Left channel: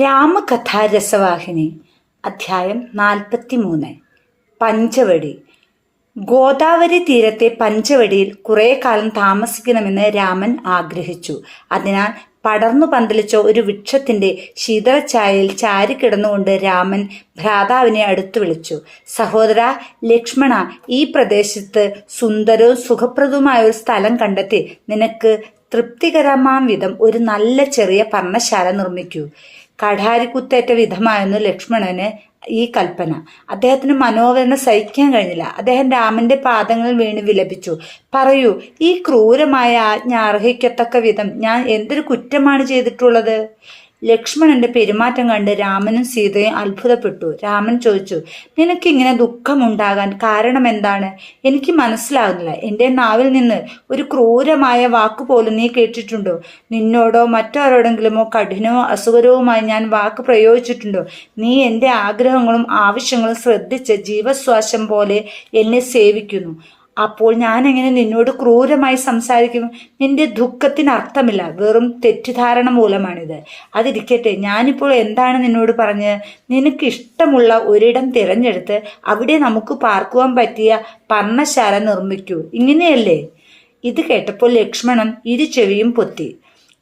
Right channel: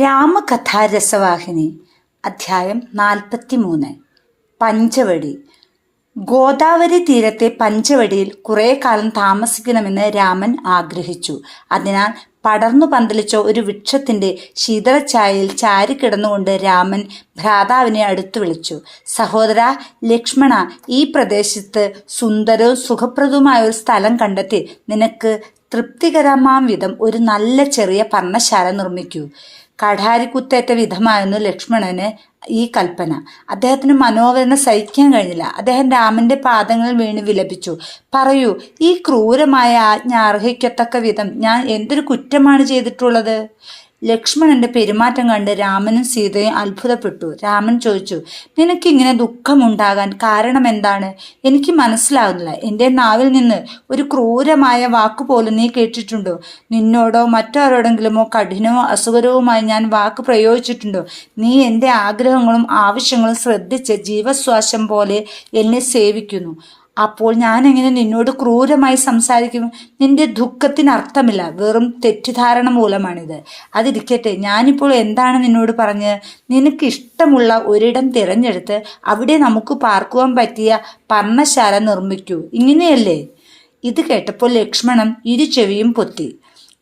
രാമകഥാരസവാഹിനി അധ്യായം നാൽപ്പത്തി മൂന്ന് പഞ്ചവടി. ഗോദാവരി തീരത്തെ പഞ്ചവടിയിൽ കുറേ കാലം താമസിക്കണമെന്ന് രാമൻ ആഗ്രഹിച്ചു. അതിനാൽ പടർന്നു പന്തലിച്ച ഒരു വൃക്ഷത്തിന്റെ ശീതളച്ചായയിൽ ചാരിക്കിടന്നുകൊണ്ട് രാമൻ ഭ്രാതാവിനെ അടുത്തു വിളിച്ചു. സഹോദര ലക്ഷ്മണ ഈ പ്രദേശത്ത് സുന്ദരവും സുഖപ്രദവുമായ ഒരു സ്ഥലം കണ്ടെത്തി. നിനക്ക് തൃപ്തികരമാം വിധം ഒരു നല്ല ചെറിയ പർണശാല നിർമ്മിക്കൂ. കഠാരിക്കുത്തേറ്റ വിധമായിരുന്നു ലക്ഷ്മണന് ഈ കൽപ്പന. അദ്ദേഹത്തിന് മനോവേദന സഹിക്കാൻ കഴിഞ്ഞില്ല. അദ്ദേഹം രാമന്റെ പാദങ്ങളിൽ വീണ് വിലപിച്ചു. പറയൂ ഈ ക്രൂരമായ ആജ്ഞ അർഹിക്കത്തക്ക വിധം ഞാൻ എന്തൊരു കുറ്റമാണ് ചെയ്തിട്ടുള്ളത്? ലക്ഷ്മണന്റെ പെരുമാറ്റം കണ്ട് രാമനും സീതയും അത്ഭുതപ്പെട്ടു. രാമൻ ചോദിച്ചു നിനക്കിങ്ങനെ ദുഃഖമുണ്ടാകാൻ കാരണം എന്താണ് എനിക്ക് മനസ്സിലാകുന്നില്ല. എന്റെ നാവിൽ നിന്ന് ഒരു ക്രൂരമായ വാക്ക് പോലും നീ കേട്ടിട്ടുണ്ടോ? നിന്നോടോ മറ്റാരോടെങ്കിലുമോ കഠിനമോ അസുഖരവുമായി ഞാൻ വാക്ക് പ്രയോഗിച്ചിട്ടുണ്ടോ? നീ എന്റെ ആഗ്രഹങ്ങളും ആവശ്യങ്ങളും ശ്രദ്ധിച്ച് ജീവശ്വാസം പോലെ എന്നെ സേവിക്കുന്നു. അപ്പോൾ ഞാൻ എങ്ങനെ നിന്നോട് ക്രൂരമായി സംസാരിക്കും? നിന്റെ ദുഃഖത്തിന് അർത്ഥമില്ല. വെറും തെറ്റിദ്ധാരണ മൂലമാണിത്. അതിരിക്കട്ടെ ഞാനിപ്പോൾ എന്താണ് നിന്നോട് പറഞ്ഞ് നിനക്ക് ഇഷ്ടമുള്ള ഒരിടം തിരഞ്ഞെടുത്ത് അവിടെ നമുക്ക് പാർക്കുവാൻ പറ്റിയ പർണശാല നിർമ്മിക്കൂ. ഇങ്ങനെയല്ലേ? ഇത് കേട്ടപ്പോൾ ലക്ഷ്മണൻ ഇരു ചെവിയും പൊത്തി.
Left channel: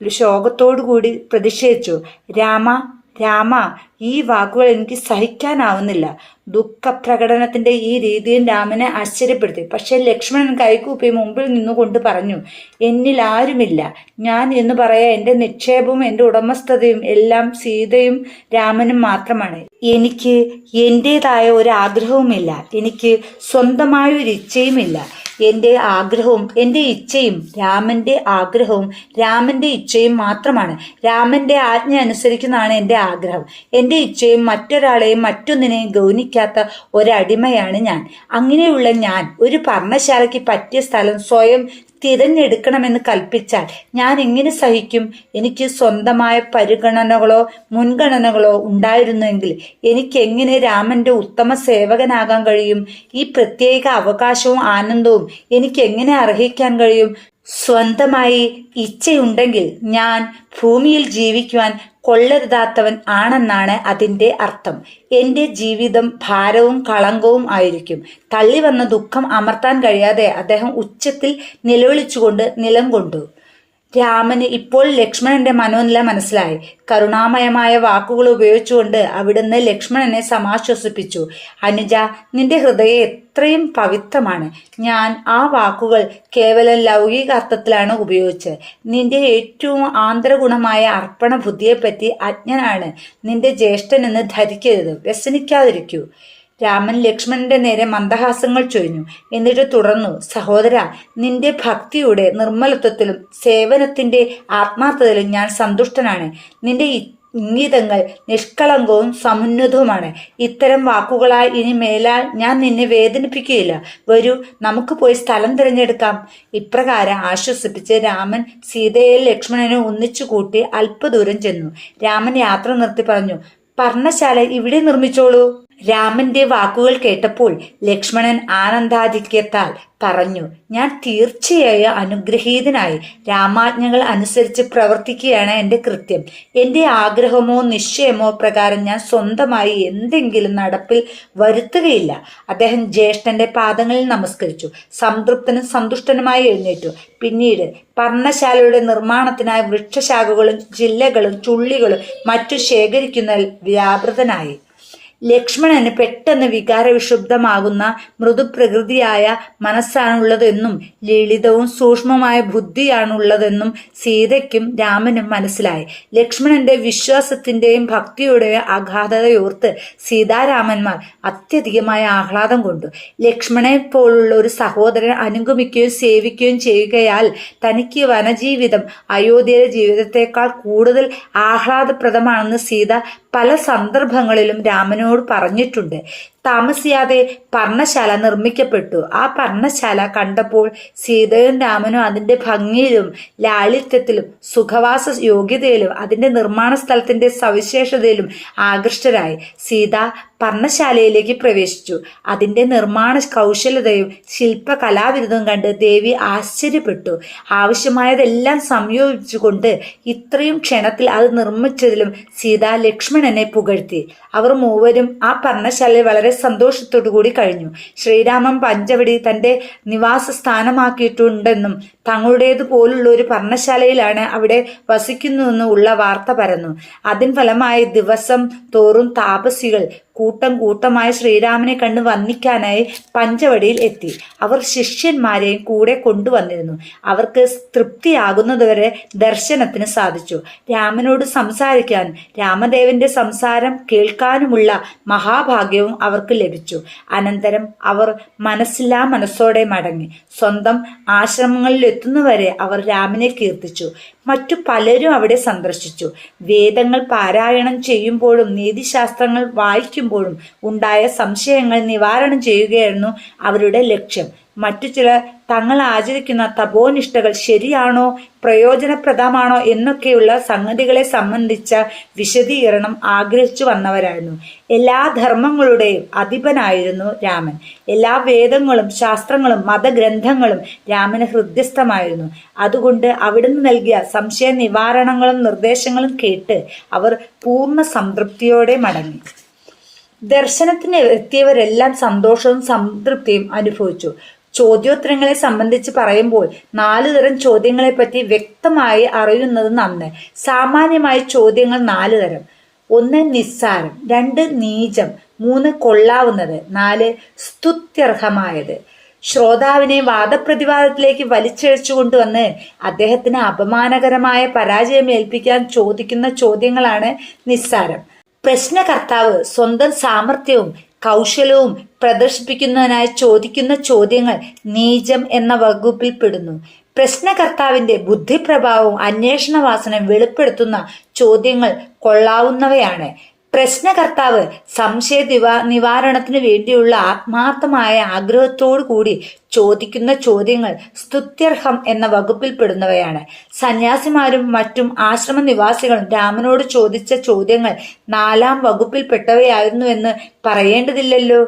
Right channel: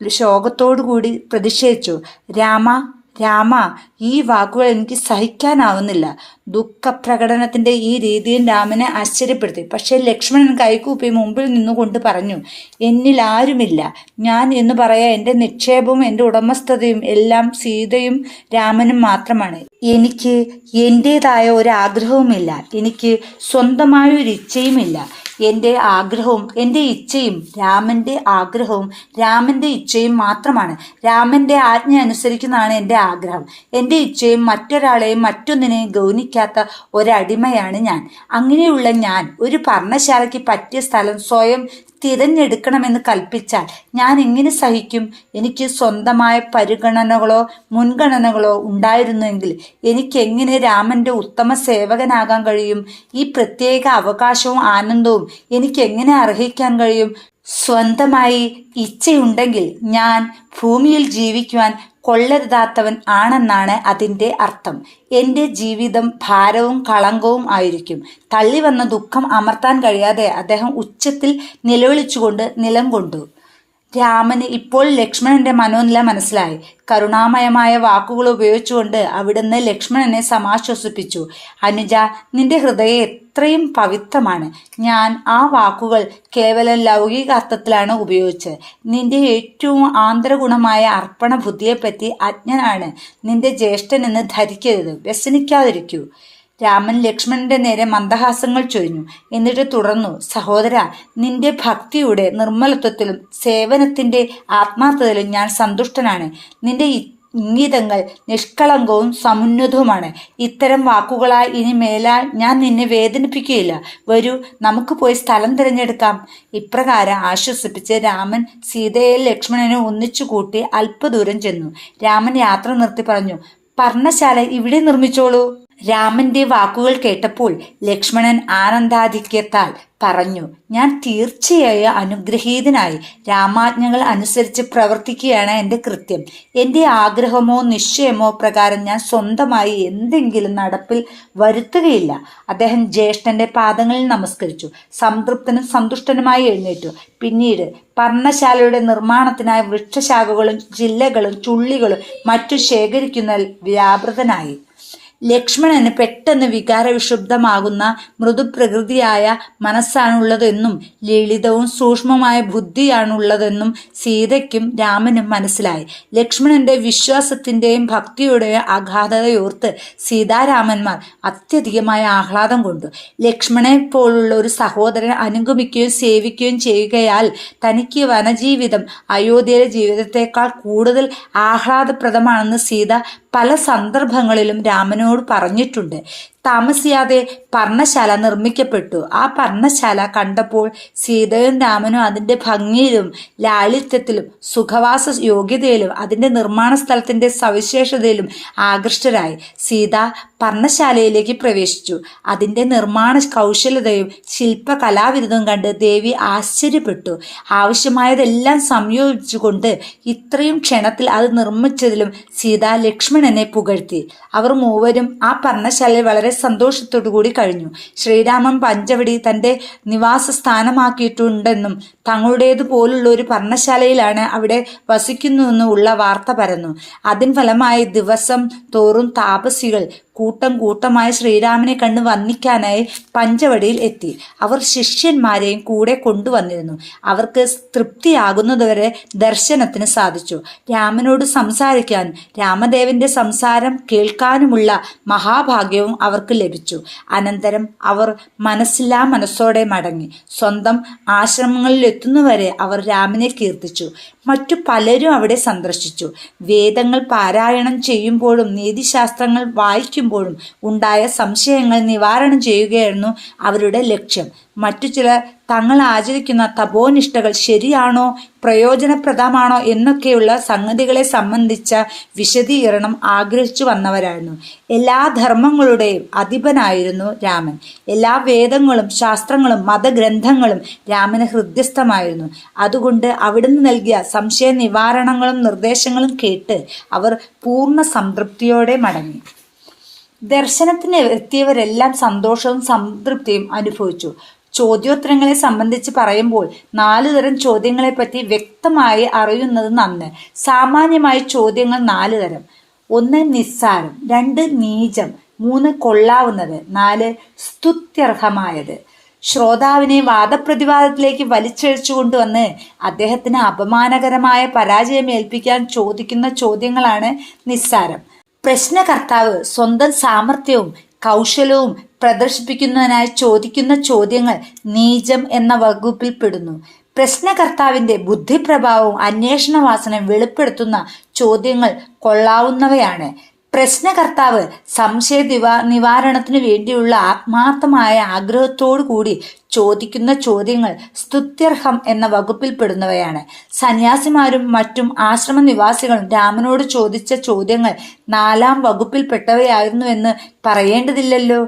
ശോകത്തോടുകൂടി പ്രതിഷേധിച്ചു. രാമ രാമ ഈ വാക്കുകൾ എനിക്ക് സഹിക്കാനാവുന്നില്ല. ദുഃഖപ്രകടനത്തിന്റെ ഈ രീതിയിൽ രാമനെ ആശ്ചര്യപ്പെടുത്തി. പക്ഷേ ലക്ഷ്മണൻ കൈകൂപ്പി മുമ്പിൽ നിന്നുകൊണ്ട് പറഞ്ഞു എന്നിൽ ആരുമില്ല. ഞാൻ എന്ന് പറയാ എന്റെ നിക്ഷേപവും എന്റെ ഉടമസ്ഥതയും എല്ലാം സീതയും രാമനും മാത്രമാണ്. എനിക്ക് എന്റേതായ ഒരു ആഗ്രഹവുമില്ല. എനിക്ക് സ്വന്തമായ ഒരു ഇച്ഛയുമില്ല. എന്റെ ആഗ്രഹവും എന്റെ ഇച്ഛയും രാമന്റെ ആഗ്രഹവും രാമന്റെ ഇച്ഛയും മാത്രമാണ്. രാമന്റെ ആജ്ഞ അനുസരിക്കുന്നതാണ് എന്റെ ആഗ്രഹം. എന്റെ ഇച്ഛയും മറ്റൊരാളെയും മറ്റൊന്നിനെയും ഗൗനിക്കാത്ത ഒരടിമയാണ് ഞാൻ. അങ്ങനെയുള്ള ഞാൻ ഒരു പർണശാലയ്ക്ക് പറ്റിയ സ്ഥലം സ്വയം തിരഞ്ഞെടുക്കണമെന്ന് കൽപ്പിച്ചാൽ ഞാൻ എങ്ങനെ സഹിക്കും? എനിക്ക് സ്വന്തമായ പരിഗണനകളോ മുൻഗണനകളോ ഉണ്ടായിരുന്നെങ്കിൽ എനിക്ക് എങ്ങനെ രാമന്റെ ഉത്തമ സേവകനാകാൻ കഴിയും? ഈ പ്രത്യേക അവകാശവും ആനന്ദവും എനിക്ക് എങ്ങനെ അർഹിക്കാൻ കഴിയും? സ്വന്തമായി ഇച്ഛയുണ്ടെങ്കിൽ ഞാൻ ഭൂമിയിൽ ജീവിക്കുവാൻ കൊള്ളരുതാത്തവൻ ആണെന്നാണ് അതിന്റെ അർത്ഥം. എന്റെ ജീവിതം ഭാരവും കളങ്കവും ആയിരിക്കും. തള്ളി വന്ന ദുഃഖം അമർത്താൻ കഴിയാതെ അദ്ദേഹം ഉച്ചത്തിൽ നിലവിളിച്ചുകൊണ്ട് നിലം കൊണ്ടു. രാമന് ഇപ്പോൾ ലക്ഷ്മണന്റെ മനോനില മനസ്സിലായി. കരുണാമയമായ വാക്കുകൾ ഉപയോഗിച്ചുകൊണ്ട് അവിടുന്ന് ലക്ഷ്മണനെ സമാശ്വസിപ്പിച്ചു. അനുജ നിന്റെ ഹൃദയം എത്രയും പവിത്രമാണ്. ഞാൻ ആ വാക്കുകൾ കേവലം ലൗകിക അർത്ഥത്തിലാണ് ഉപയോഗിച്ചത്. നിന്റെ ഏറ്റവും ആന്തരഗുണമായ അർപ്പണ ബുദ്ധിയെപ്പറ്റി അജ്ഞനാണ്. നിന്റെ ജ്യേഷ്ഠനെന്ന് ധരിക്കരുത്. വ്യസനിക്കാതിരിക്കൂ. രാമൻ ലക്ഷ്മണന്റെ നേരെ മന്ദഹാസങ്ങൾ ചൊരിഞ്ഞു. എന്നിട്ട് തുടർന്നു സഹോദര നിന്റെ ഭക്തിയുടെ നിർമ്മലത്വത്തിലും സേവനത്തിന്റെ ആത്മാർത്ഥതയിലും ഞാൻ സന്തുഷ്ടനാണ്. നിന്റെ ഇംഗിതങ്ങൾ നിഷ്കളങ്കവും സമുന്നതവുമാണ്. ഇത്തരം വാക്കുകളായി ഇനി മേലാൽ ഞാൻ നിന്നെ വേദനിപ്പിക്കുകയില്ല. വരൂ നമുക്ക് പോയി സ്ഥലം തിരഞ്ഞെടുക്കാം. ഇപ്രകാരം ആശ്വസിപ്പിച്ച് രാമൻ സീതയെ ലക്ഷ്മണനെ ഒന്നിച്ചു കൂട്ടി അല്പദൂരം ചെന്നു. രാമൻ യാത്ര നിർത്തി പറഞ്ഞു പർണശാല ഇവിടെ നിർമ്മിച്ചോളൂ. രാമന്റെ വാക്കുകൾ കേട്ടപ്പോൾ ലക്ഷ്മണൻ ആനന്ദാധിക്യത്താൽ പറഞ്ഞു ഞാൻ തീർച്ചയായും അനുഗ്രഹീതനായി. രാമാജ്ഞകൾ അനുസരിച്ച് പ്രവർത്തിക്കുകയാണ് എന്റെ കൃത്യം. എന്റെ ആഗ്രഹമോ നിശ്ചയമോ പ്രകാരം ഞാൻ സ്വന്തമായി എന്തെങ്കിലും നടപ്പിൽ വരുത്തുകയില്ല. അദ്ദേഹം ജ്യേഷ്ഠന്റെ പാദങ്ങളിൽ നമസ്കരിച്ചു. സംതൃപ്തനും സന്തുഷ്ടനുമായി എഴുന്നേറ്റു. പിന്നീട് പർണശാലയുടെ നിർമ്മാണത്തിനായി വൃക്ഷശാഖകളും ജില്ലകളും ചുള്ളികളും മറ്റു ശേഖരിക്കുന്നതിൽ വ്യാപൃതനായി. ലക്ഷ്മണന് പെട്ടെന്ന് വികാരവിക്ഷുബ്ധമാകുന്ന മൃദുപ്രകൃതിയായ മനസ്സാണുള്ളതെന്നും ലളിതവും സൂക്ഷ്മമായ ബുദ്ധിയാണുള്ളതെന്നും സീതയ്ക്കും രാമനും മനസ്സിലായി. ലക്ഷ്മണന്റെ വിശ്വാസത്തിന്റെയും ഭക്തിയുടെയും അഗാധതയോർത്ത് സീതാരാമന്മാർ അത്യധികമായ ആഹ്ലാദം കൊണ്ടു. ലക്ഷ്മണനെ പോലുള്ള ഒരു സഹോദരൻ അനുഗമിക്കുകയും സേവിക്കുകയും ചെയ്യുകയാൽ തനിക്ക് വനജീവിതം അയോധ്യയിലെ ജീവിതത്തെക്കാൾ കൂടുതൽ ആഹ്ലാദപ്രദമാണെന്ന് സീത പല സന്ദർഭങ്ങളിലും രാമനോട് പറഞ്ഞിട്ടുണ്ട് താമസിയാതെ പർണശാല നിർമ്മിക്കപ്പെട്ടു. ആ പർണശാല കണ്ടപ്പോൾ സീതയും രാമനും അതിന്റെ ഭംഗിയിലും ലാളിത്യത്തിലും സുഖവാസ യോഗ്യതയിലും അതിന്റെ നിർമ്മാണ സ്ഥലത്തിന്റെ സവിശേഷതയിലും ആകൃഷ്ടരായി. സീത പർണശാലയിലേക്ക് പ്രവേശിച്ചു. അതിന്റെ നിർമ്മാണ കൗശലതയും ശില്പകലാവിരുദ്ധവും കണ്ട് ദേവി ആശ്ചര്യപ്പെട്ടു. ആവശ്യമായതെല്ലാം സംയോജിച്ചുകൊണ്ട് ഇത്രയും ക്ഷണത്തിൽ അത് നിർമ്മിച്ചതിലും സീത ലക്ഷ്മണനെ പുകഴ്ത്തി. അവർ മൂവരും ആ പർണശാലയിൽ വളരെ സന്തോഷത്തോടു കൂടി കഴിഞ്ഞു. ശ്രീരാമൻ പഞ്ചവടി തന്റെ നിവാസ സ്ഥാനമാക്കിയിട്ടുണ്ടെന്നും തങ്ങളുടേതുപോലുള്ള ഒരു പർണശാലയിലാണ് അവിടെ വസിക്കുന്നുവെന്നും ഉള്ള വാർത്ത പരന്നു. അതിൻ ഫലമായി ദിവസം തോറും താപസികൾ കൂട്ടം കൂട്ടമായ ശ്രീരാമനെ കണ്ട് വന്ദിക്കാനായി പഞ്ചവടിയിൽ എത്തി. അവർ ശിഷ്യന്മാരെയും കൂടെ കൊണ്ടുവന്നിരുന്നു. അവർക്ക് തൃപ്തിയാകുന്നതുവരെ ദർശനത്തിന് സാധിച്ചു. രാമനോട് സംസാരിക്കാൻ രാമദേവന്റെ സംസാരം കേൾക്കാനുമുള്ള മഹാഭാഗ്യവും അവർക്ക് ലഭിച്ചു. അനന്തരം അവർ മനസ്സില്ലാ മനസ്സോടെ മടങ്ങി. സ്വന്തം ആശ്രമങ്ങളിൽ എത്തുന്നവരെ അവർ രാമനെ കീർത്തിച്ചു. മറ്റു പലരും അവിടെ സന്ദർശിച്ചു. വേദങ്ങൾ പാരായണം ചെയ്യുമ്പോഴും നീതിശാസ്ത്രങ്ങൾ വായിക്കുമ്പോഴും ഉണ്ടായ സംശയങ്ങൾ നിവാരണം ചെയ്യുകയായിരുന്നു അവരുടെ ലക്ഷ്യം. മറ്റു ചിലർ തങ്ങൾ ആചരിക്കുന്ന തപോനിഷ്ഠകൾ ശരിയാണോ പ്രയോജനപ്രദമാണോ എന്നൊക്കെയുള്ള സംഗതികളെ സംബന്ധിച്ച വിശദീകരണം ആഗ്രഹിച്ചു വന്നവരായിരുന്നു. എല്ലാ ധർമ്മങ്ങളുടെയും അധിപനായിരുന്നു രാമൻ. എല്ലാ വേദങ്ങളും ശാസ്ത്രങ്ങളും മതഗ്രന്ഥങ്ങളും രാമന് ഹൃദ്യസ്ഥമായിരുന്നു. അതുകൊണ്ട് അവിടുന്ന് നൽകിയ സംശയ നിവാരണങ്ങളും നിർദ്ദേശങ്ങളും കേട്ട് അവർ പൂർണ സംതൃപ്തിയോടെ മടങ്ങി. ദർശനത്തിന് എത്തിയവരെല്ലാം സന്തോഷവും സംതൃപ്തിയും അനുഭവിച്ചു. ചോദ്യോത്തരങ്ങളെ സംബന്ധിച്ച് പറയുമ്പോൾ നാലു തരം ചോദ്യങ്ങളെപ്പറ്റി വ്യക്തമായി അറിയുന്നത് നന്ന്. സാമാന്യമായ ചോദ്യങ്ങൾ നാല് തരം. ഒന്ന് നിസ്സാരം രണ്ട് നീചം മൂന്ന് കൊള്ളാവുന്നത് നാല് സ്തുത്യർഹമായത്. ശ്രോതാവിനെ വാദപ്രതിവാദത്തിലേക്ക് വലിച്ചഴിച്ചു കൊണ്ടുവന്ന് അദ്ദേഹത്തിന് അപമാനകരമായ പരാജയം ഏൽപ്പിക്കാൻ ചോദിക്കുന്ന ചോദ്യങ്ങളാണ് നിസ്സാരം. പ്രശ്നകർത്താവ് സ്വന്തം സാമർഥ്യവും കൗശലവും പ്രദർശിപ്പിക്കുന്നതിനായി ചോദിക്കുന്ന ചോദ്യങ്ങൾ നീചം എന്ന വകുപ്പിൽ പെടുന്നു. പ്രശ്നകർത്താവിന്റെ ബുദ്ധിപ്രഭാവവും അന്വേഷണ വാസനയും വെളിപ്പെടുത്തുന്ന ചോദ്യങ്ങൾ കൊള്ളാവുന്നവയാണ്. പ്രശ്നകർത്താവ് സംശയ ദിവാ നിവാരണത്തിനു വേണ്ടിയുള്ള ആത്മാർത്ഥമായ ആഗ്രഹത്തോടു കൂടി ചോദിക്കുന്ന ചോദ്യങ്ങൾ സ്തുത്യർഹം എന്ന വകുപ്പിൽ പെടുന്നവയാണ് സന്യാസിമാരും മറ്റും ആശ്രമ നിവാസികളും രാമനോട് ചോദിച്ച ചോദ്യങ്ങൾ നാലാം വകുപ്പിൽപ്പെട്ടവയായിരുന്നുവെന്ന് പറയേണ്ടതില്ലല്ലോ.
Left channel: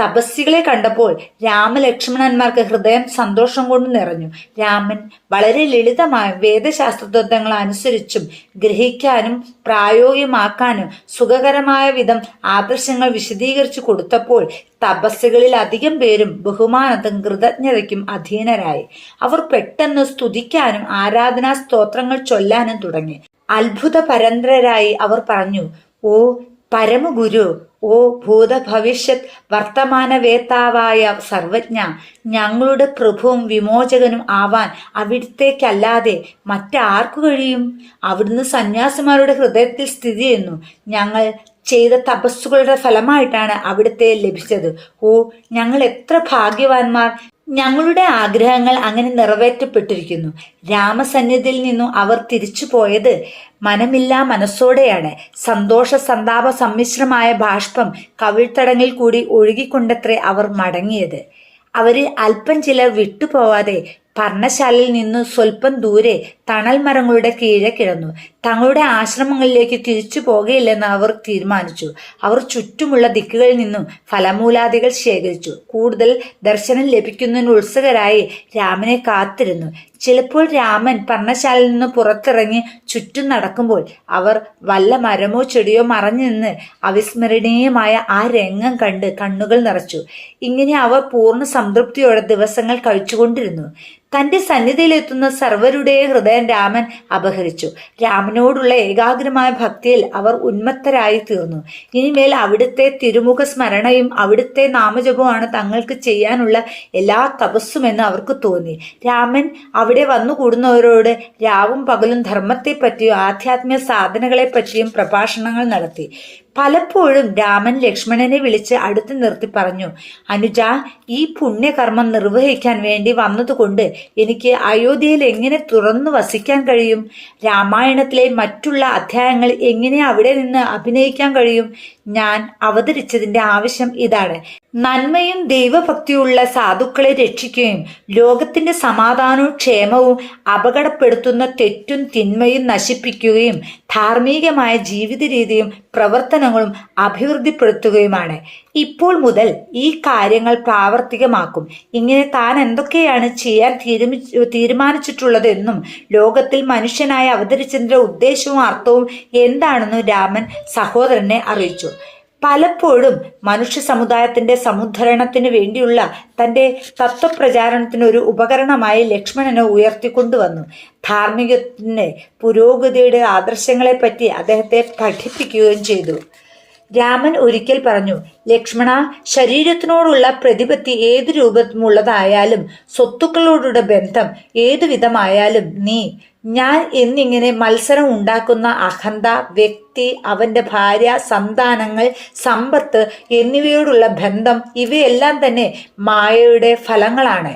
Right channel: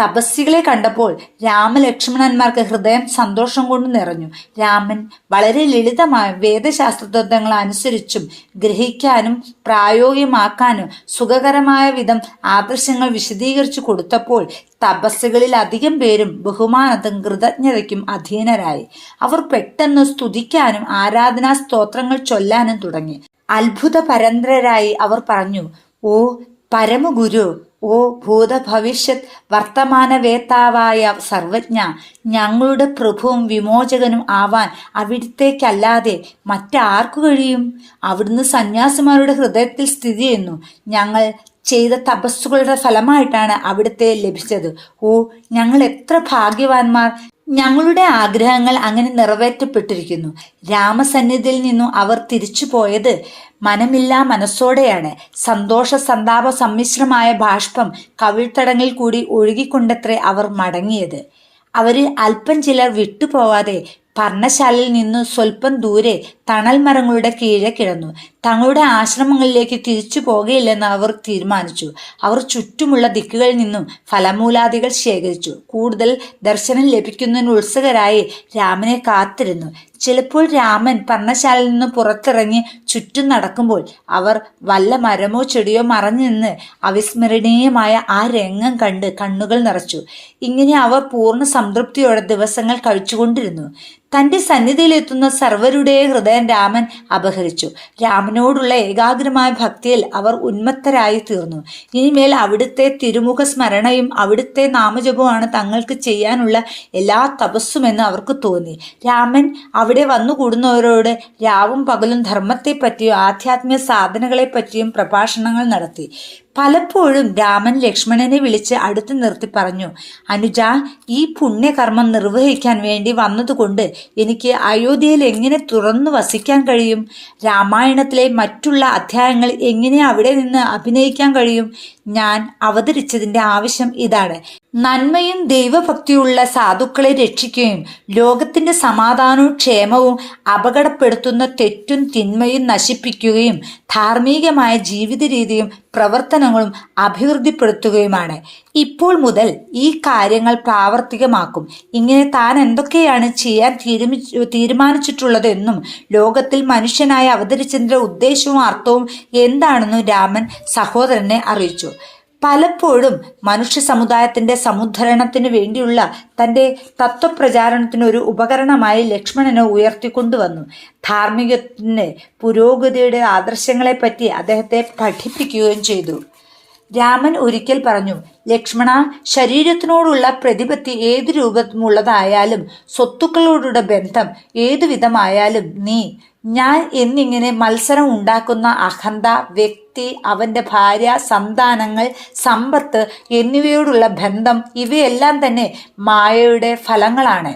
തപസ്സികളെ കണ്ടപ്പോൾ രാമലക്ഷ്മണന്മാർക്ക് ഹൃദയം സന്തോഷം കൊണ്ട് നിറഞ്ഞു. രാമൻ വളരെ ലളിതമായ വേദശാസ്ത്രതത്വങ്ങൾ അനുസരിച്ചും ഗ്രഹിക്കാനും പ്രായോഗികമാക്കാനും സുഖകരമായ വിധം ആദർശങ്ങൾ വിശദീകരിച്ചു കൊടുത്തപ്പോൾ തപസ്സുകളിൽ അധികം പേരും ബഹുമാനത്തും കൃതജ്ഞതയ്ക്കും അധീനരായി. അവർ പെട്ടെന്ന് സ്തുതിക്കാനും ആരാധനാ സ്തോത്രങ്ങൾ ചൊല്ലാനും തുടങ്ങി. അത്ഭുത പരന്തരായി അവർ പറഞ്ഞു ഓ പരമഗുരു ഓ ഭൂതഭവിഷ്യത് വർത്തമാനവേത്താവായ സർവജ്ഞ ഞങ്ങളുടെ പ്രഭുവും വിമോചകനും ആവാൻ അവിടുത്തേക്കല്ലാതെ മറ്റാർക്കു കഴിയും? അവിടുന്ന് സന്യാസിമാരുടെ ഹൃദയത്തിൽ സ്ഥിതി ചെയ്യുന്നു. ഞങ്ങൾ ചെയ്ത തപസ്സുകളുടെ ഫലമായിട്ടാണ് അവിടുത്തെ ലഭിച്ചത്. ഓ ഞങ്ങൾ എത്ര ഭാഗ്യവാന്മാർ! ഞങ്ങളുടെ ആഗ്രഹങ്ങൾ അങ്ങനെ നിറവേറ്റപ്പെട്ടിരിക്കുന്നു. രാമസന്നിധിയിൽ നിന്നും അവർ തിരിച്ചു പോയത് മനമില്ലാ മനസ്സോടെയാണ്. സന്തോഷ സന്താപ സമ്മിശ്രമായ ബാഷ്പം കവിൾത്തടങ്ങിൽ കൂടി ഒഴുകിക്കൊണ്ടത്രേ അവർ മടങ്ങിയത്. അവരിൽ അല്പം ചിലർ വിട്ടുപോവാതെ പർണശാലയിൽ നിന്നു സ്വല്പം ദൂരെ തണൽ മരങ്ങളുടെ കീഴെ കിടന്നു. തങ്ങളുടെ ആശ്രമങ്ങളിലേക്ക് തിരിച്ചു പോകയില്ലെന്ന് അവർ തീരുമാനിച്ചു. അവർ ചുറ്റുമുള്ള ദിക്കുകളിൽ നിന്നും ഫലമൂലാദികൾ ശേഖരിച്ചു. കൂടുതൽ ദർശനം ലഭിക്കുന്നതിന് ഉത്സുകരായി രാമനെ കാത്തിരുന്നു. ചിലപ്പോൾ രാമൻ പർണശാലയിൽ നിന്ന് പുറത്തിറങ്ങി ചുറ്റും നടക്കുമ്പോൾ അവർ വല്ല മരമോ ചെടിയോ മറഞ്ഞു നിന്ന് അവിസ്മരണീയമായ ആ രംഗം കണ്ട് കണ്ണുകൾ നിറച്ചു. ഇങ്ങനെ അവർ പൂർണ സംതൃപ്തിയോടെ ദിവസങ്ങൾ കഴിച്ചുകൊണ്ടിരുന്നു. തന്റെ സന്നിധിയിലെത്തുന്ന സർവരുടെയും ഹൃദയം രാമൻ അപഹരിച്ചു. രാമനോടുള്ള ഏകാഗ്രമായ ഭക്തിയിൽ അവർ ഉന്മത്തരായി തീർന്നു. ഇനിമേൽ അവിടുത്തെ തിരുമുഖ സ്മരണയും അവിടുത്തെ നാമജപവുമാണ് തങ്ങൾക്ക് ചെയ്യാനുള്ള എല്ലാ തപസ്സുമെന്ന് അവർക്ക് തോന്നി. രാമൻ അവിടെ വന്നുകൂടുന്നവരോട് രാവും പകലും ധർമ്മത്തെപ്പറ്റിയും ആധ്യാത്മിക സാധനകളെപ്പറ്റിയും പ്രഭാഷണങ്ങൾ നടത്തി. പലപ്പോഴും രാമൻ ലക്ഷ്മണനെ വിളിച്ച് അടുത്ത് നിർത്തി പറഞ്ഞു അനുജ ഈ പുണ്യകർമ്മം നിർവഹിക്കാൻ വേണ്ടി വന്നതുകൊണ്ട് എനിക്ക് അയോധ്യയിൽ എങ്ങനെ തുറന്നു വസിക്കാൻ കഴിയും? രാമായണത്തിലെ മറ്റുള്ള അധ്യായങ്ങൾ എങ്ങനെ അവിടെ നിന്ന് അഭിനയിക്കാൻ കഴിയും? ഞാൻ അവതരിച്ചതിന്റെ ആവശ്യം ഇതാണ്. നന്മയും ദൈവഭക്തിയുള്ള സാധുക്കളെ രക്ഷിക്കുകയും ലോകത്തിന്റെ സമാധാനവും ക്ഷേമവും അപകടപ്പെടുത്തുന്ന തെറ്റും തിന്മയും നശിപ്പിക്കുകയും ധാർമ്മികമായ ജീവിത രീതിയും പ്രവർത്തനങ്ങളും അഭിവൃദ്ധിപ്പെടുത്തുകയുമാണ്. ഇപ്പോൾ മുതൽ ഈ കാര്യങ്ങൾ പ്രാവർത്തികമാക്കും. ഇങ്ങനെ താൻ എന്തൊക്കെയാണ് ചെയ്യാൻ തീരുമി തീരുമാനിച്ചിട്ടുള്ളതെന്നും ലോകത്തിൽ മനുഷ്യനായി അവതരിച്ചതിന്റെ ഉദ്ദേശവും അർത്ഥവും എന്താണെന്നും രാമൻ സഹോദരനെ അറിയിച്ചു. പലപ്പോഴും മനുഷ്യ സമുദായത്തിന്റെ സമുദ്ധരണത്തിന് വേണ്ടിയുള്ള തന്റെ തത്വപ്രചാരണത്തിനൊരു ഉപകരണമായി ലക്ഷ്മണനെ ഉയർത്തിക്കൊണ്ടുവന്നു. ധാർമ്മികത്തിന് പുരോഗതിയുടെ ആദർശങ്ങളെപ്പറ്റി അദ്ദേഹത്തെ പഠിപ്പിക്കുകയും ചെയ്തു. രാമൻ ഒരിക്കൽ പറഞ്ഞു ലക്ഷ്മണ ശരീരത്തിനോടുള്ള പ്രതിപത്തി ഏത് രൂപമുള്ളതായാലും സ്വത്തുക്കളോടുള്ള ബന്ധം ഏതു വിധമായാലും നീ ഞാൻ എന്നിങ്ങനെ മത്സരം ഉണ്ടാക്കുന്ന അഹന്ത വ്യക്തി അവന്റെ ഭാര്യ സന്താനങ്ങൾ സമ്പത്ത് എന്നിവയോടുള്ള ബന്ധം ഇവയെല്ലാം തന്നെ മായയുടെ ഫലങ്ങളാണ്.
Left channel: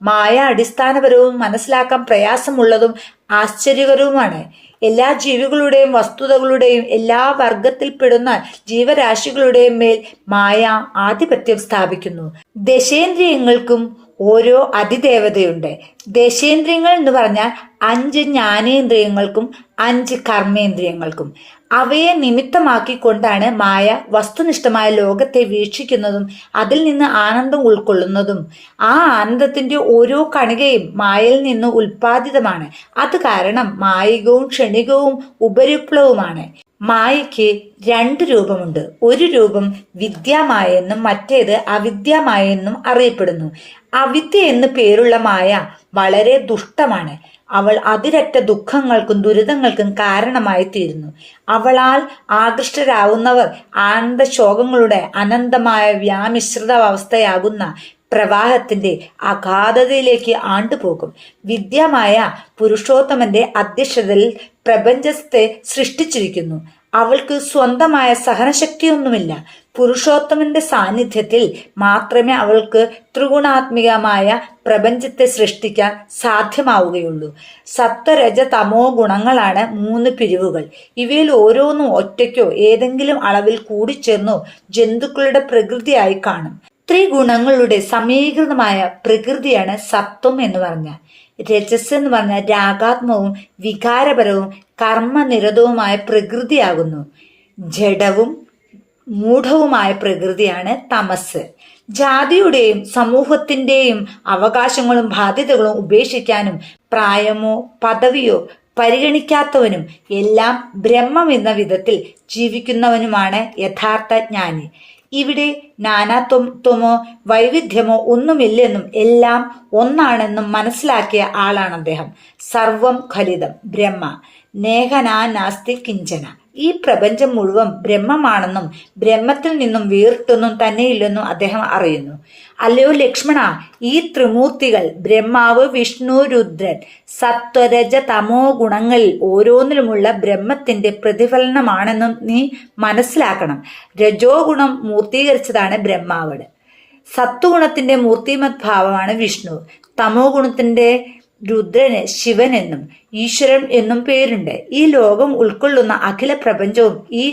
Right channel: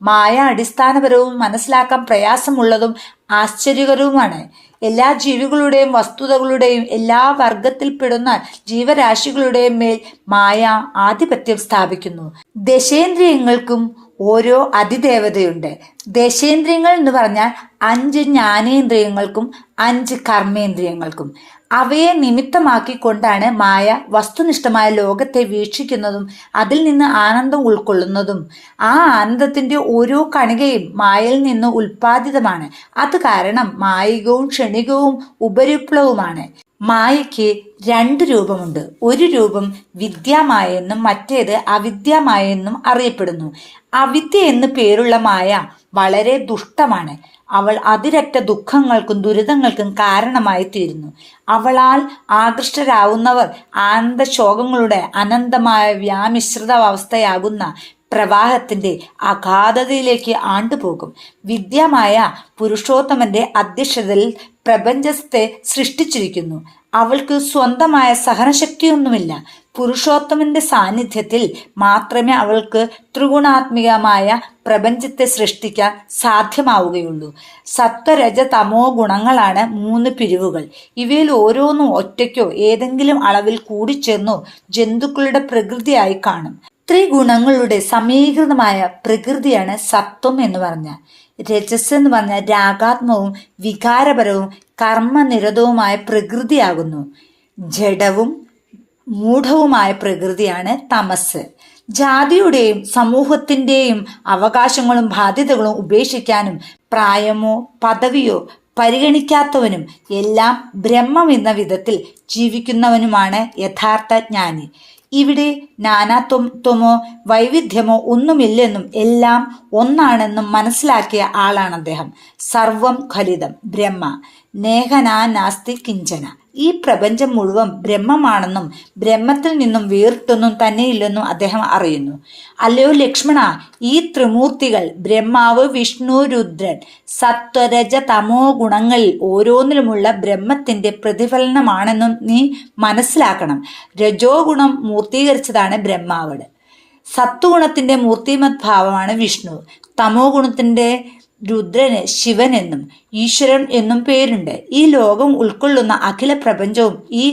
മായ അടിസ്ഥാനപരവും മനസ്സിലാക്കാൻ പ്രയാസമുള്ളതും ആശ്ചര്യകരവുമാണ്. എല്ലാ ജീവികളുടെയും വസ്തുതകളുടെയും എല്ലാ വർഗത്തിൽപ്പെടുന്ന ജീവരാശികളുടെയും മേൽ മായ ആധിപത്യം സ്ഥാപിക്കുന്നു. ദശേന്ദ്രിയങ്ങൾക്കും ഓരോ അതിദേവതയുണ്ട്. ദശേന്ദ്രിയങ്ങൾ എന്ന് പറഞ്ഞാൽ അഞ്ച് ജ്ഞാനേന്ദ്രിയങ്ങൾക്കും അഞ്ച് കർമ്മേന്ദ്രിയങ്ങൾക്കും. അവയെ നിമിത്തമാക്കിക്കൊണ്ടാണ് മായ വസ്തുനിഷ്ഠമായ ലോകത്തെ വീക്ഷിക്കുന്നതും അതിൽ നിന്ന് ആനന്ദം ഉൾക്കൊള്ളുന്നതും. ആ ആനന്ദത്തിന്റെ ഓരോ കണികയും മായയിൽ നിന്ന് ഉൽപ്പാദിതമാണ്. അത് കാരണം മായികവും ക്ഷണികവും ഉപരിപ്ലവുമാണ് മായയ്ക്ക് രണ്ട് രൂപമുണ്ട്. ഒരു രൂപം വിദ്യാമായ എന്നും മറ്റേത് അവിദ്യാമായ എന്നും അറിയപ്പെടുന്നു. അവിദ്യ എന്ന് പേരുള്ള മായ വളരെ ദുഷ്ടമാണ്. അവൾ അതിരറ്റ ദുഃഖങ്ങൾക്കും ദുരിതങ്ങൾക്കും കാരണമായി തീരുന്നു അവളാൽ ആകൃഷ്ടരാകുന്നവർ ആനന്ദശോകങ്ങളുടെ അനന്തമായ വ്യാമിശ്രിത അവസ്ഥയാകുന്ന പ്രവാഹത്തിന്റെ അഗാധതയിലേക്ക് ആണ്ടുപോകും. വിദ്യമായ പുരുഷോത്തമന്റെ അധ്യക്ഷതയിൽ പ്രപഞ്ചത്തെ സൃഷ്ടിച്ചിരിക്കുന്നു. അവൾക്ക് സ്വന്തമായ സഹനശക്തിയൊന്നുമില്ല. പുരുഷോത്തമന്റെ സാന്നിധ്യത്തിൽ മാത്രമേ അവൾക്ക് ത്രിഗുണാത്മികമായ പ്രപഞ്ചത്തെ സൃഷ്ടിക്കാൻ സാധ്യമാവുകയുള്ളൂ. സത്വരജ തമോ ഗുണങ്ങളാണ് മൂന്ന് പിരിവുകൾ. ഇവയിൽ ഓരോന്നും ഒറ്റയ്ക്കോ ഏതെങ്കിലും അളവിൽ കൂടിച്ചേർന്നോ ജന്തുക്കളുടെ പ്രകൃതിയായി കാണും. ത്രിഗുണങ്ങളുടെ സമീകൃതമായ പ്രകൃതിയാണ് സത്വം എന്ന് പറഞ്ഞാൽ. രജസ് എന്ന് പറഞ്ഞാൽ രാഗാത്മവും വികാരപരവും കർമ്മനിരതവുമായ പ്രകൃതിയാകുന്നു. ജഡവും മൂഢവുമായ പ്രകൃതിയാണ് തമസ്. ജാതിയുടെയും സമൂഹത്തിന്റെയും അവകാശങ്ങളും ബാധ്യതകളും ഉപേക്ഷിക്കാനും പ്രായമോ പദവിയോ പരിഗണിക്കാത്തവനും എല്ലാം ബ്രഹ്മം എന്ന വിധത്തിൽ ജീവിക്കുന്നവനുമാണ് യഥാർത്ഥ ജ്ഞാനി. ഇവിടെ നാനാത്വമോ വൈവിധ്യമോ ഒന്നുമില്ലെന്നും എല്ലാം ഒന്നാണെന്നും മനസ്സിലാക്കിയ ആളാണ് അദ്ദേഹം. സർവം ഖലിതം ബ്രഹ്മ. നേഹനാ നാസ്തി കിഞ്ചന. ഈ പ്രപഞ്ചം മുഴുവൻ ബ്രഹ്മമാണെന്നും ബ്രഹ്മത്തിൽ നിന്നും വേറിട്ടൊന്നും തന്നെയില്ലെന്നും അദ്ദേഹം അറിയുന്നു. അല്ലയോ ലക്ഷ്മണ ഈ ത്രിമൂർത്തികൾ ബ്രഹ്മാവ് വിഷ്ണു രുദ്രൻ സത്വരജ തമോ ഗുണങ്ങളിൽ ഓരോന്നിലുമുള്ള ബ്രഹ്മത്തിന്റെ പ്രതിഫലനമാണെന്നും നീ മനസ്സിലാക്കണം. രജോ ഗുണം മൂർത്തീകരിച്ചതാണ് ബ്രഹ്മാവട്. സത്വഗുണത്തിന്റെ മൂർത്തിമത് ഭാവമാണ് വിഷ്ണു. തമോ ഗുണത്തിന്റെ രുദ്രന് ശിവൻ എന്നും ഈശ്വരൻ എന്നും പേരുണ്ട്. ഈ ലോകം ഉൾക്കൊള്ളുന്ന അഖില പ്രപഞ്ചവും ഈ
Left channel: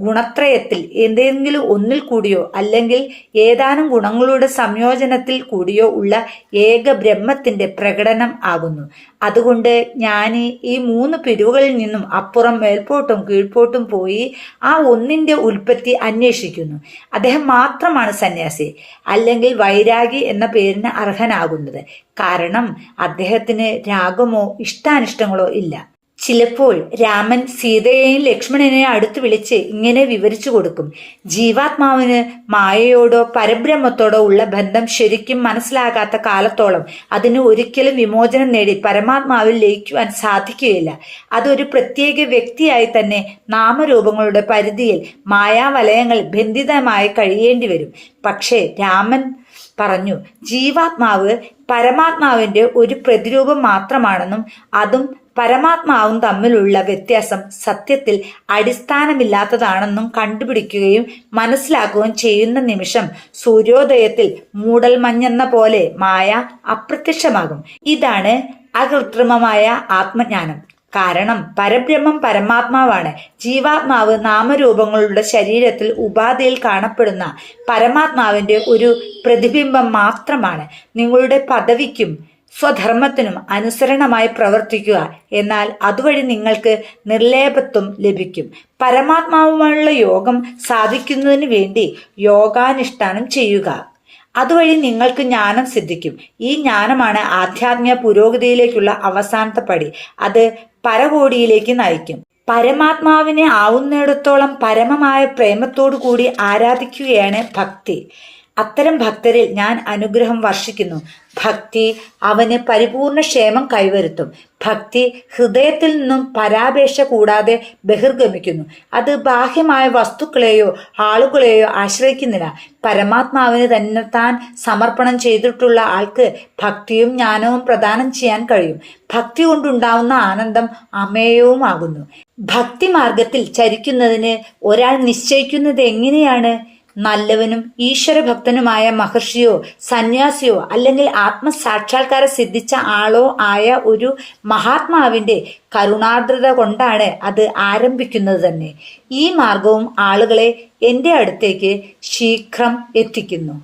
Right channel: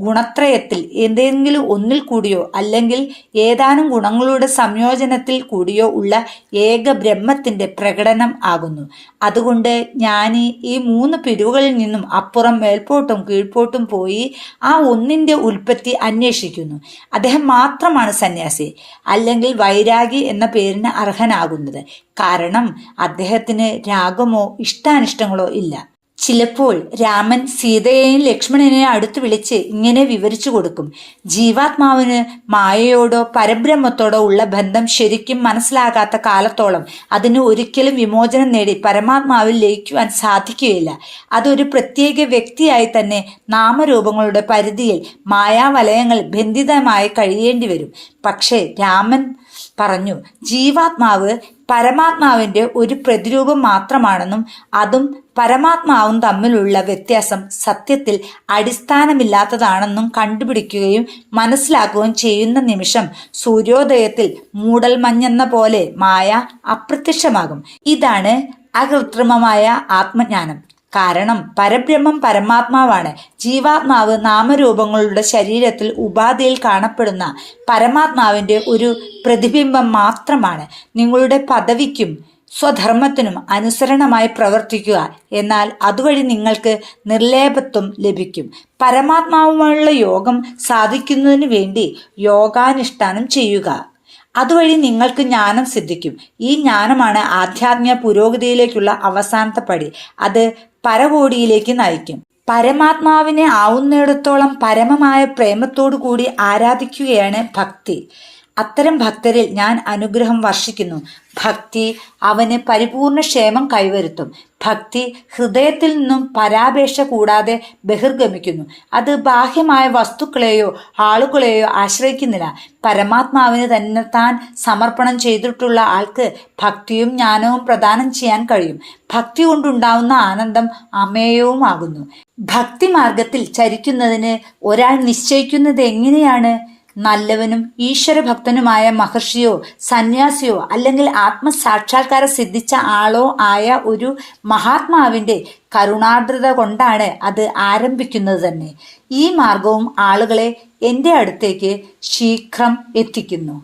ഗുണത്രയത്തിൽ എന്തെങ്കിലും ഒന്നിൽ കൂടിയോ അല്ലെങ്കിൽ ഏതാനും ഗുണങ്ങളുടെ സംയോജനത്തിൽ കൂടിയോ ഉള്ള ഏക ബ്രഹ്മത്തിന്റെ പ്രകടനം ആകുന്നു. അതുകൊണ്ട് ഞാൻ ഈ മൂന്ന് പിരിവുകളിൽ നിന്നും അപ്പുറം മേൽപോട്ടും കീഴ്പോട്ടും പോയി ആ ഒന്നിന്റെ ഉൽപ്പത്തി അന്വേഷിക്കുന്നു. അദ്ദേഹം മാത്രമാണ് സന്യാസി അല്ലെങ്കിൽ വൈരാഗി എന്ന പേരിന് അർഹനാകുന്നത്. കാരണം അദ്ദേഹത്തിന് രാഗമോ ഇഷ്ടാനിഷ്ടങ്ങളോ ഇല്ല. ചിലപ്പോൾ രാമൻ സീതയെയും ലക്ഷ്മണനെയും അടുത്ത് വിളിച്ച് ഇങ്ങനെ വിവരിച്ചു കൊടുക്കും. ജീവാത്മാവിന് മായയോടോ പരബ്രഹ്മത്തോടോ ഉള്ള ബന്ധം ശരിക്കും മനസ്സിലാകാത്ത കാലത്തോളം അതിന് ഒരിക്കലും വിമോചനം നേടി പരമാത്മാവിൽ ലയിക്കുവാൻ സാധിക്കുകയില്ല. അതൊരു പ്രത്യേക വ്യക്തിയായി തന്നെ നാമരൂപങ്ങളുടെ പരിധിയിൽ മായാവലയങ്ങൾ ബന്ധിതമായി കഴിയേണ്ടി വരും. പക്ഷേ രാമൻ പറഞ്ഞു ജീവാത്മാവ് പരമാത്മാവിന്റെ ഒരു പ്രതിരൂപം മാത്രമാണെന്നും അതും പരമാത്മാവും തമ്മിലുള്ള വ്യത്യാസം സത്യത്തിൽ അടിസ്ഥാനമില്ലാത്തതാണെന്നും കണ്ടുപിടിക്കുകയും മനസ്സിലാക്കുകയും ചെയ്യുന്ന നിമിഷം സൂര്യോദയത്തിൽ മൂടൽമഞ്ഞെന്ന പോലെ മായ അപ്രത്യക്ഷമാകും. ഇതാണ് അകൃത്രിമമായ ആത്മജ്ഞാനം. കാരണം പരബ്രഹ്മം പരമാത്മാവാണ്. ജീവാത്മാവ് നാമരൂപങ്ങളുടെ ശരീരത്തിൽ ഉപാധിയിൽ കാണപ്പെടുന്ന പരമാത്മാവിന്റെ ഒരു പ്രതിബിംബം മാത്രമാണ്. നിങ്ങളുടെ പദവിക്കും സ്വധർമ്മത്തിനും അനുസരണമായി പ്രവർത്തിക്കുക. എന്നാൽ അതുവഴി നിങ്ങൾക്ക് നിർലേപത്വം ലഭിക്കും. പരമാത്മാവുമായുള്ള യോഗം സാധിക്കുന്നതിന് വേണ്ടി യോഗാനുഷ്ഠാനം ചെയ്യുക. അതുവഴി നിങ്ങൾക്ക് ജ്ഞാനം സിദ്ധിക്കും. ഈ ജ്ഞാനമാണ് ആധ്യാത്മിക പുരോഗതിയിലേക്കുള്ള അവസാനത്തെ പടി. അത് പരകോടിയിലേക്ക് നയിക്കും. പരമാത്മാവിനെ ആവുന്നിടത്തോളം പരമമായ പ്രേമത്തോടു കൂടി ആരാധിക്കുകയാണ് ഭക്തി. അത്തരം ഭക്തരിൽ ഞാൻ അനുഗ്രഹം വർഷിക്കുന്നു. ഭക്തി അവന് പരിപൂർണ ക്ഷേമം കൈവരുത്തും. ഭക്തി ഹൃദയത്തിൽ നിന്നും പരാപേക്ഷ കൂടാതെ ബഹിർഗമിക്കുന്നു. അത് ബാഹ്യമായ വസ്തുക്കളെയോ ആളുകളെയോ ആശ്രയിക്കുന്നില്ല. പരമാത്മാവിന് തന്നെ താൻ സമർപ്പണം ചെയ്തിട്ടുള്ള ആൾക്ക് ഭക്തിയും ജ്ഞാനവും പ്രദാനം ചെയ്യാൻ കഴിയും. ഭക്തി കൊണ്ടുണ്ടാവുന്ന ആനന്ദം അമേയവുമാകുന്നു. ഭക്തി മാർഗത്തിൽ ചരിക്കുന്നതിന് ഒരാൾ നിശ്ചയിക്കുന്നത് എങ്ങനെയാണ്? നല്ലവനും ഈശ്വരഭക്തനുമായ മഹർഷിയോ സന്യാസിയോ അല്ലെങ്കിൽ ആത്മസാക്ഷാത്കാരം സിദ്ധിച്ച ആളോ ആയ ഒരു മഹാത്മാവിന്റെ കരുണാർദ്രത കൊണ്ടാണ് അത് ആരംഭിക്കുന്നത് തന്നെ. ഈ മാർഗവും ആളുകളെ എന്റെ അടുത്തേക്ക് ശീഘ്രം എത്തിക്കുന്നു.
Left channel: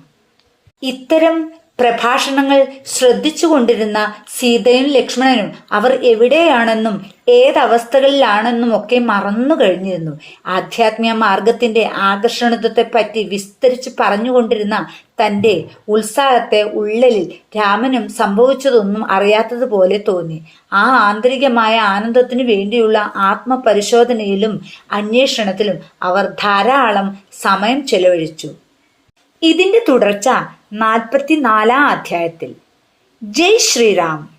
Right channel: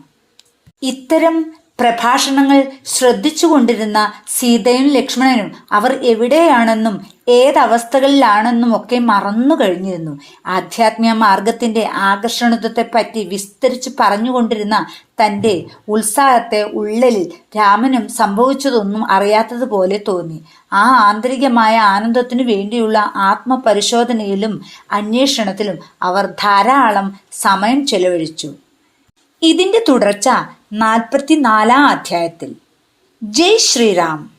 ഇത്തരം പ്രഭാഷണങ്ങൾ ശ്രദ്ധിച്ചുകൊണ്ടിരുന്ന സീതയും ലക്ഷ്മണനും അവർ എവിടെയാണെന്നും ഏതവസ്ഥകളിലാണെന്നും ഒക്കെ മറന്നു കഴിഞ്ഞിരുന്നു. ആധ്യാത്മിക മാർഗത്തിന്റെ ആകർഷണത്വത്തെ പറ്റി വിസ്തരിച്ച് പറഞ്ഞുകൊണ്ടിരുന്ന തന്റെ ഉത്സാഹത്തെ ഉള്ളലിൽ രാമനും സംഭവിച്ചതൊന്നും അറിയാത്തതുപോലെ തോന്നി. ആ ആന്തരികമായ ആനന്ദത്തിനു വേണ്ടിയുള്ള ആത്മപരിശോധനയിലും അന്വേഷണത്തിലും അവർ ധാരാളം സമയം ചെലവഴിച്ചു. ഇതിന്റെ തുടർച്ച നാൽപ്പത്തിനാലാം അധ്യായത്തിൽ. ജയ് ശ്രീറാം.